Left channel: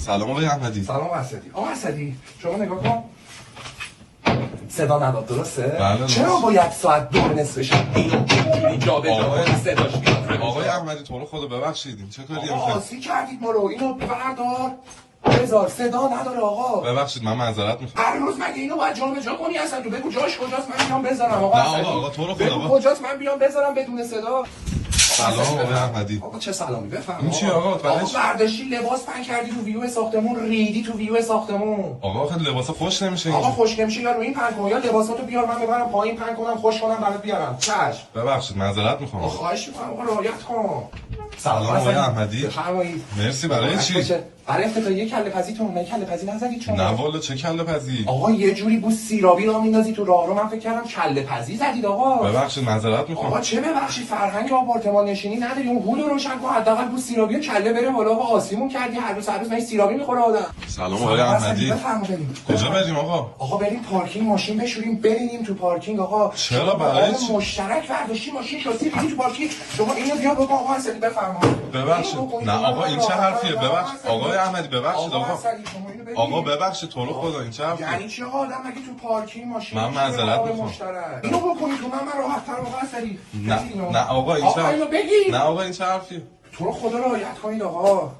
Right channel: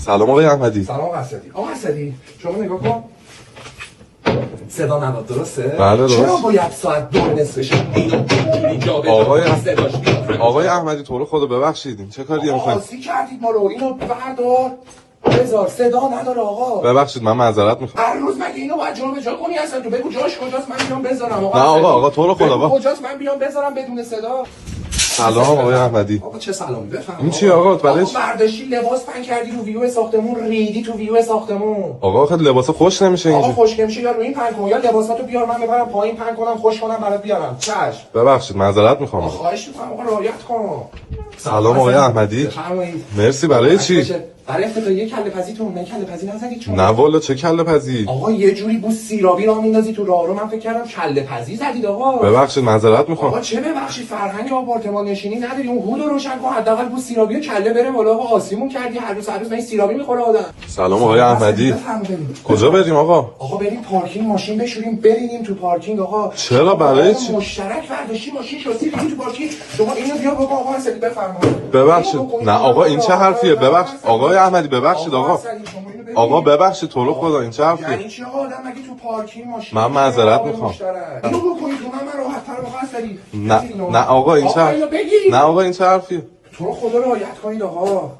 سلام آقای احمدی. سلام اسدی. آقا اسدی شما نگاه کن. صدا نداد درسته؟ بله درست. چرا باید ساعت 2:30 اینو جا بذارم صداش بیاد؟ آقای احمدی تو رو خدا ببخشید این چه کاریه میکنید؟ آسی کردید ما رو. اینو بردار بذار. صدا نداره آقا. ببخشید من معذرت میخوام. هر روز مگه اینو باید جا به جا کنی اصلا؟ تو بگو جاش کجاست من بیام بذارم. آقا نه آقا تو رو خدا بگو کجاست من بیام بذارم بدون صدا. سلام آقای احمدی. آقا چه سلامی بفهم. این چیه آقا؟ آقا برداشتی لباس پن کردی رو ویو ساختمون، ریدی تو ویو ساختمون. آقا خیلی لباس خوش نمیشه اینجا. آقا خوش نمیشه یا روی این پن کن یا لباساتو بیار من ببرم پایین پن کنم خوش کنم برات بیارم. چشم. ببخشید معذرت میخوام. خواهش میکنم آقا رعایت کن. سلام آقای احمدی. بفرمایید. مرسی برای چی؟ برای افتتاحیه کله پزی تو اون کله پزی نزدید شما؟ نه والا چه کله پزی؟ آقا یه جوری بو سیرابی راه میندازی تو راهرو من فکر کردم کله پزی زدید آقا. ببخشید معذرت میخوام. آقا چه ببخشید فرهنگ آپارتمان نشینی نداری اون هودو روشن کن حداقل بو سیرابی و کله بره بالا. آقا آسیمون کردی هر روز من سیرابی میخوره آدم. سلام آقای احمدی. کجا بریم آقا؟ آقا بریم پارکینگ ماشین بشوریم بریم تو پارکینگ آقا. چرا برای چی؟ مشترک برداشتی ماشین شاسی بریم تو پارکینگ. شما اینو بیا بگو آقا اسدی بفرمایید. ببخشید نه آقا این چه حرفیه؟ ببخشید آقای احمدی ببخشید آقا ببخشید تو رو خدا این چه حرفیه؟ یعنی چی آقا آدم مگه تو پارکینگ ماشین؟ من معذرت میخوام. اینو بکنی تو من راحت تر آقا اسدی. نه آقا این چه نه آقا این چه حرفیه؟ تو رو خدا رعایت کنید آقا.